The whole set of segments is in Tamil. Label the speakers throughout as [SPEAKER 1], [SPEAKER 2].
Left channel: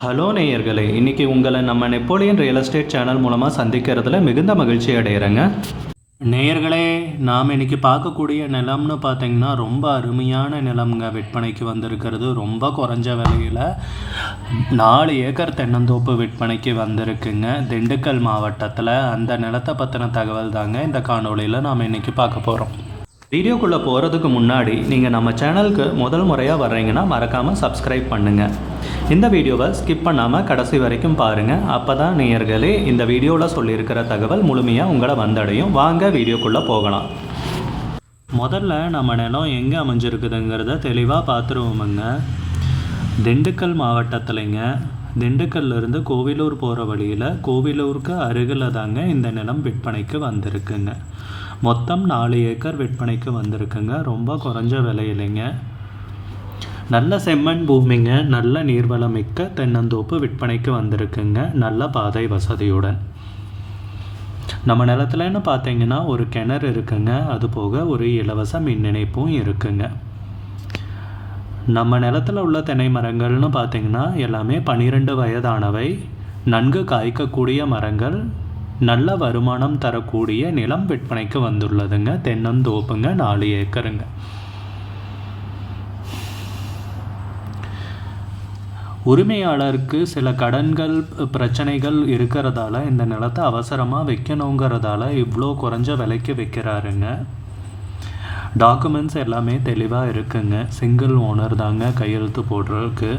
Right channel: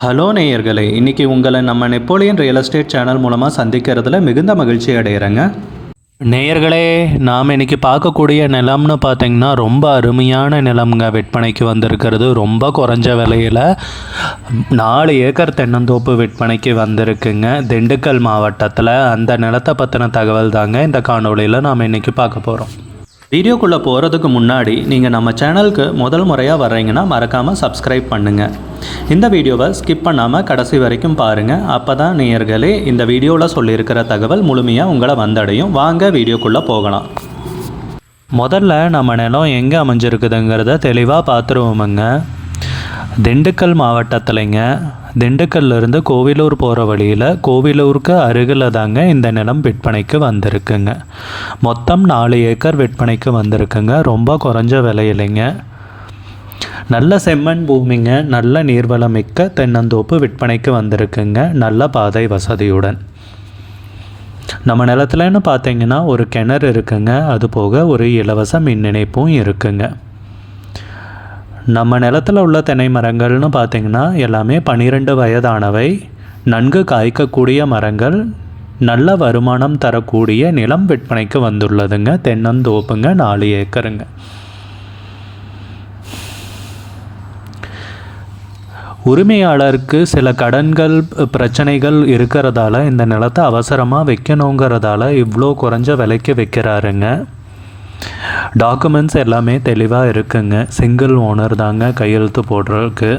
[SPEAKER 1] ஹலோ நேயர்களே இன்றைக்கி உங்களை நம்ம நெப்போலியன் ரியல் எஸ்டேட் சேனல் மூலமாக சந்திக்கிறதுல மிகுந்த மகிழ்ச்சி அடைகிறேங்க நேயர்களே நாம் இன்றைக்கி பார்க்கக்கூடிய நிலம்னு பார்த்திங்கன்னா ரொம்ப அருமையான நிலம்ங்க. விற்பனைக்கு வந்திருக்கிறது ரொம்ப குறைஞ்ச விலையில் நாலு ஏக்கர் தென்னந்தோப்பு விற்பனைக்கு வந்திருக்குங்க. திண்டுக்கல் மாவட்டத்தில் அந்த நிலத்தை பற்றின தகவல் தாங்க இந்த காணொளியில் நாம் இன்றைக்கி பார்க்க போகிறோம் வீடியோக்குள்ளே போகிறதுக்கு முன்னாடி நீங்கள் நம்ம சேனலுக்கு முதல் முறையாக வர்றீங்கன்னா மறக்காமல் சப்ஸ்கிரைப் பண்ணுங்கள் இந்த வீடியோவை ஸ்கிப் பண்ணாமல் கடைசி வரைக்கும் பாருங்கள் அப்போ தான் நேயர்களே இந்த வீடியோவில் சொல்லியிருக்கிற தகவல் முழுமையாக உங்களை வந்தடையும். வாங்க வீடியோக்குள்ளே போகலாம். முதல்ல நம்ம நிலம் எங்கே அமைஞ்சிருக்குதுங்கிறத தெளிவாக பார்த்துருவோமுங்க திண்டுக்கல் மாவட்டத்திலைங்க. திண்டுக்கல்ல இருந்து கோவிலூர் போகிற வழியில் கோவிலூருக்கு அருகில் தாங்க இந்த நிலம் விற்பனைக்கு வந்திருக்குங்க. மொத்தம் நாலு ஏக்கர் விற்பனைக்கு வந்திருக்குங்க. ரொம்ப குறைஞ்ச விலையிலைங்க. நல்ல செம்மண் பூமிங்க. நல்ல நீர்வளம் மிக்க தென்னந்தோப்பு விற்பனைக்கு வந்திருக்குங்க. நல்ல பாதை வசதியுடன். நம்ம நிலத்துலன்னு பார்த்தீங்கன்னா ஒரு கிணறு இருக்குங்க. அது போக ஒரு இலவச மின் இணைப்பும் இருக்குங்க. நம்ம நிலத்தில் உள்ள தென்னை மரங்கள்னு பார்த்தீங்கன்னா எல்லாமே பன்னிரெண்டு வயதானவை. நன்கு காய்க்கக்கூடிய மரங்கள் நல்ல வருமானம் தரக்கூடிய நிலம் விற்பனைக்கு வந்துள்ளதுங்க. தென்னந்தோப்புங்க நாலு ஏக்கருங்க. உரிமையாளருக்கு சில கடன்கள் பிரச்சனைகள் இருக்கிறதால இந்த நிலத்தை அவசரமாக வைக்கணுங்கிறதால இவ்வளோ குறைஞ்ச விலைக்கு வைக்கிறாருங்க. டாக்குமெண்ட்ஸ் எல்லாமே தெளிவாக இருக்குங்க. சிங்கிள் ஓனர் தாங்க கையெழுத்து போடுறதுக்கு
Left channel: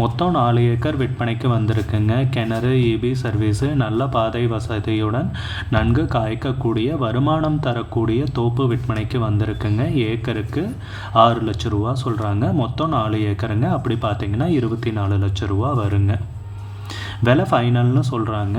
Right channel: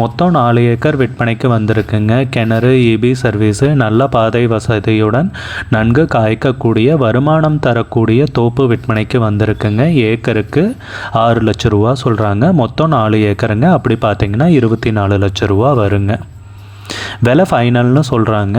[SPEAKER 1] மொத்தம் நாலு ஏக்கர் விற்பனைக்கு வந்திருக்குங்க. கிணறு இபி சர்வீஸு நல்ல பாதை வசதியுடன் நன்கு காய்க்கக்கூடிய வருமானம் தரக்கூடிய தோப்பு விற்பனைக்கு வந்திருக்குங்க. ஏக்கருக்கு ஆறு லட்ச ரூபா சொல்கிறாங்க மொத்தம் நாலு ஏக்கருங்க. அப்படி பார்த்தீங்கன்னா இருபத்தி நாலு லட்ச ரூபா வருங்க. விலை ஃபைனல்னு சொல்கிறாங்க